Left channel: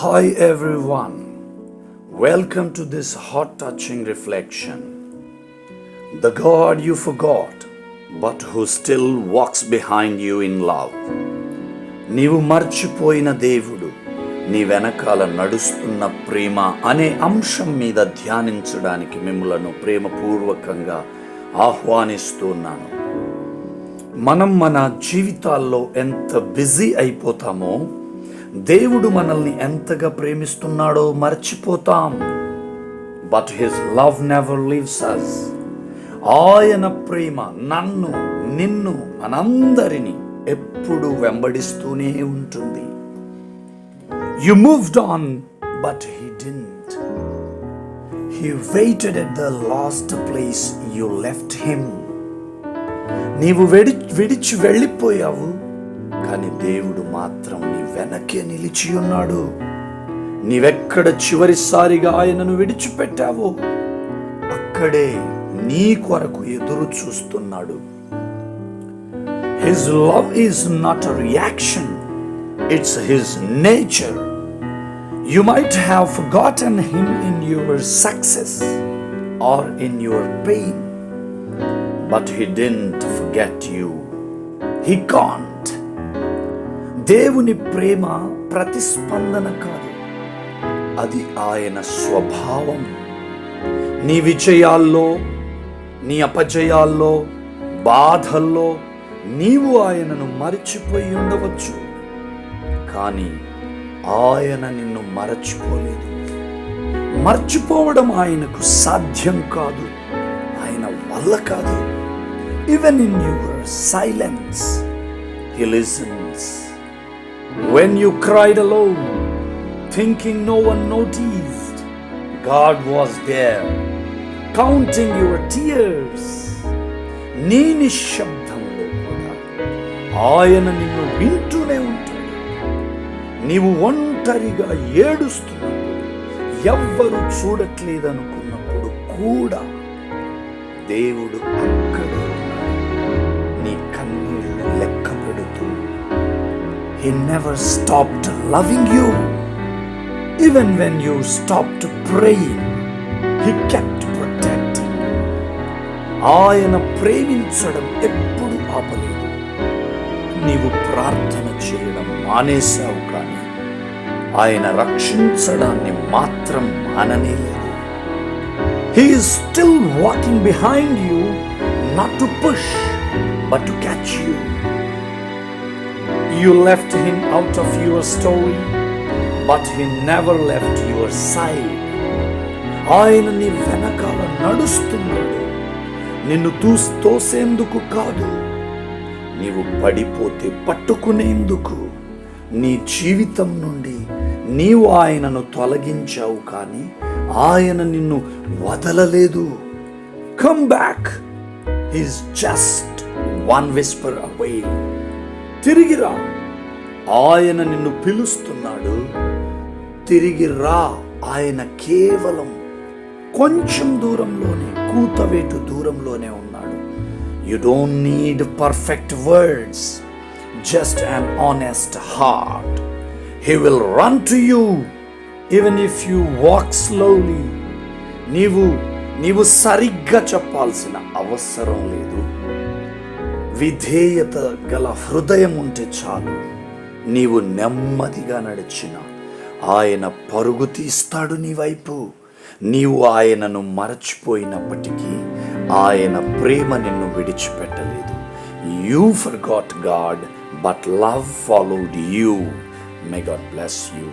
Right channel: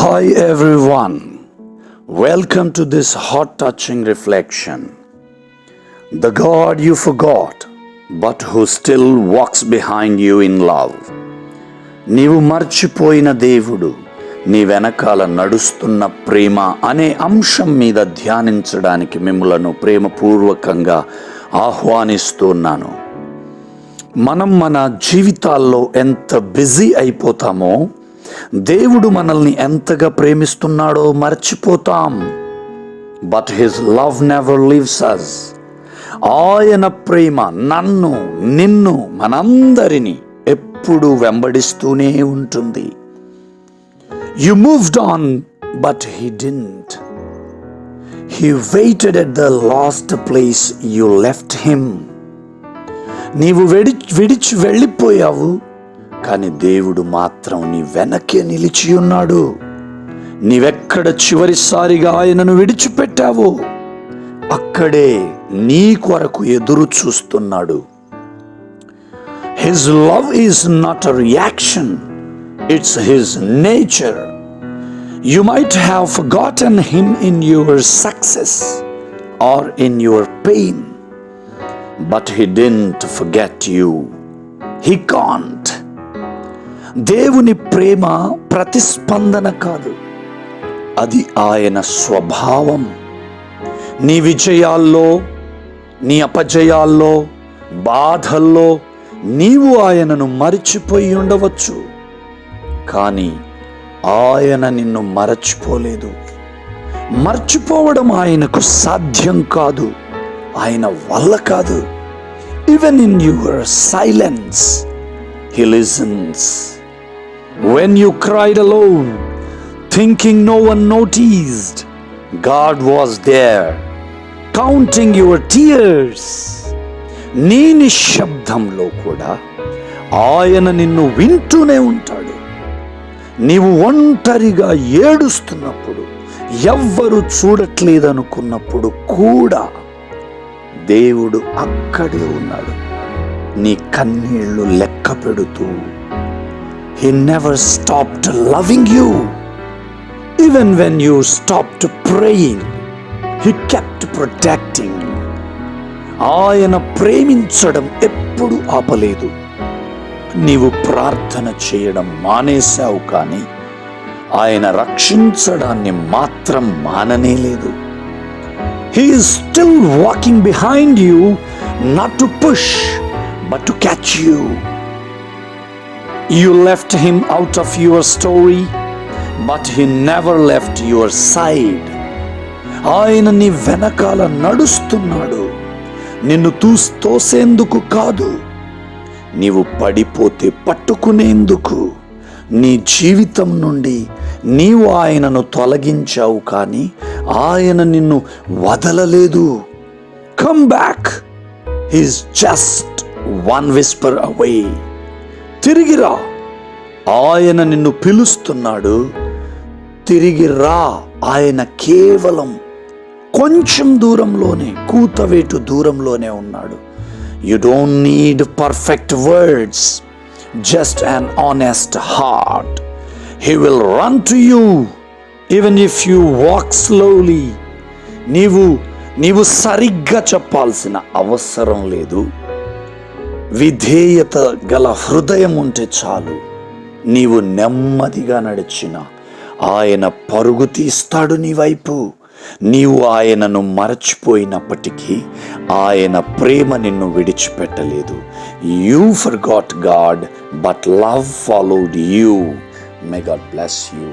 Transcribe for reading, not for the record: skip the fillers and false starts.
Hi everyone, welcome to this heart-touching reflection. The God you forgot, but who still walks behind you in love. నీవు మర్చిపోయిన దేవుడు నీ వెనకాల నడుస్తున్న ప్రేమ అనే అంశం మీద ధ్యానించడానికి మిమ్మలను ప్రేమపూర్వకంగా ఆహ్వానిస్తున్నాను. మనం మన జీవితాల్లో ఎంత బిజీ అయిపోతామో దేవుడు మనల్ని ఎంతగా ప్రేమిస్తున్నాడో మర్చిపోతాం. But his love never leaves us. ఆయన ప్రేమ నన్ను, నిన్ను, మనందరినీ ఎప్పుడు వెంబడిస్తూనే ఉంటుంది. You moved on, but he didn't. He waited at the last place you left him. నీవు విడిచి వెళ్ళిపోయావు, కానీ దేవుడు మాత్రం నీ వెనకే నిలిచి ఉన్నాడు. నీవెక్కడ చివరిసారిగా ఆయనను విడిచిపెట్టావో అక్కడే నీ కొరకు ఎదురు చూస్తున్నాడు. His love is not a reaction, it's his nature. You might have forgotten him in your success or in your pain, but he didn't forget you. He can't. దేవుని ప్రేమ ప్రతిస్పందన కాదు, అది ఆయన స్వభావం. నీ విజయాల్లో, నీ అపజయాల్లో, బాధల్లో నీవు ఆయనను మరిచిపోయి ఉండవచ్చు, కానీ ఆయన నిన్ను మరచిపోలేదు. మర్చిపోవడం ఆయనకు సాధ్యం కాదు, ఆయన వల్ల కాదు. Even in your silence he listens. When you cried alone, thinking no one noticed, God was there, counting your tears. నీ నిశ్శబ్దంలో కూడా ఆయన నిన్ను వింటూనే ఉంటాడు. నీవు ఒంటరిగా ఏడుస్తున్నప్పుడు, ఎవ్వరు చూడట్లేదనుకున్నప్పుడు కూడా దేవుడు అక్కడే ఉన్నాడు, నీ కన్నీళ్లు లెక్క పెడుతూ. He never stopped loving you. Even when you stopped praying, he kept protecting you. ఆయన ప్రేమించడం ఎప్పుడు ఆపలేదు. నీవు ప్రార్థన చేయడం మానేశావు, కానీ ఆయన రక్షించడాన్ని మాత్రం మాననేలేదు. He is still walking behind you, not to push, but to catch you. You left him out of your story, but he never left your side. ఆయన నీ వెనకాల నడుస్తున్నాడు, నిన్ను తోసేందుకు కాదు. నీవు పడిపోతే పట్టుకునేందుకు. నీ జీవితం నుండి నీవు ఆయనను తొలగించావు, కానీ ఆయన నిన్ను వదలలేదు. Come back. He is just one whisper away. తిరిగిరా, ఆయన నిన్ను పిలుస్తున్నాడు. తిరిగిరా, ఆయన కేవలం కొంచెం దూరంలోనే, కూతవేటు దూరంలోనే ఉన్నాడు. You don't need perfect words, just an honest heart. He will run to you even if you walk slowly. నీవు సరిగ్గా చెప్పాల్సిన అవసరం లేదు. విధేయత గల హృదయం ఉంటే చాలు. నీవు నెమ్మదిగా నడిచిన ఆయన పరుగు తీస్తాడు నీ వైపు. నీవు ఆయనను మరచిపోయినప్పటికీ ఆయన ప్రేమ నిన్ను విడిచిపెట్టలేదు. You forgot God, but love followed you. May God bless you.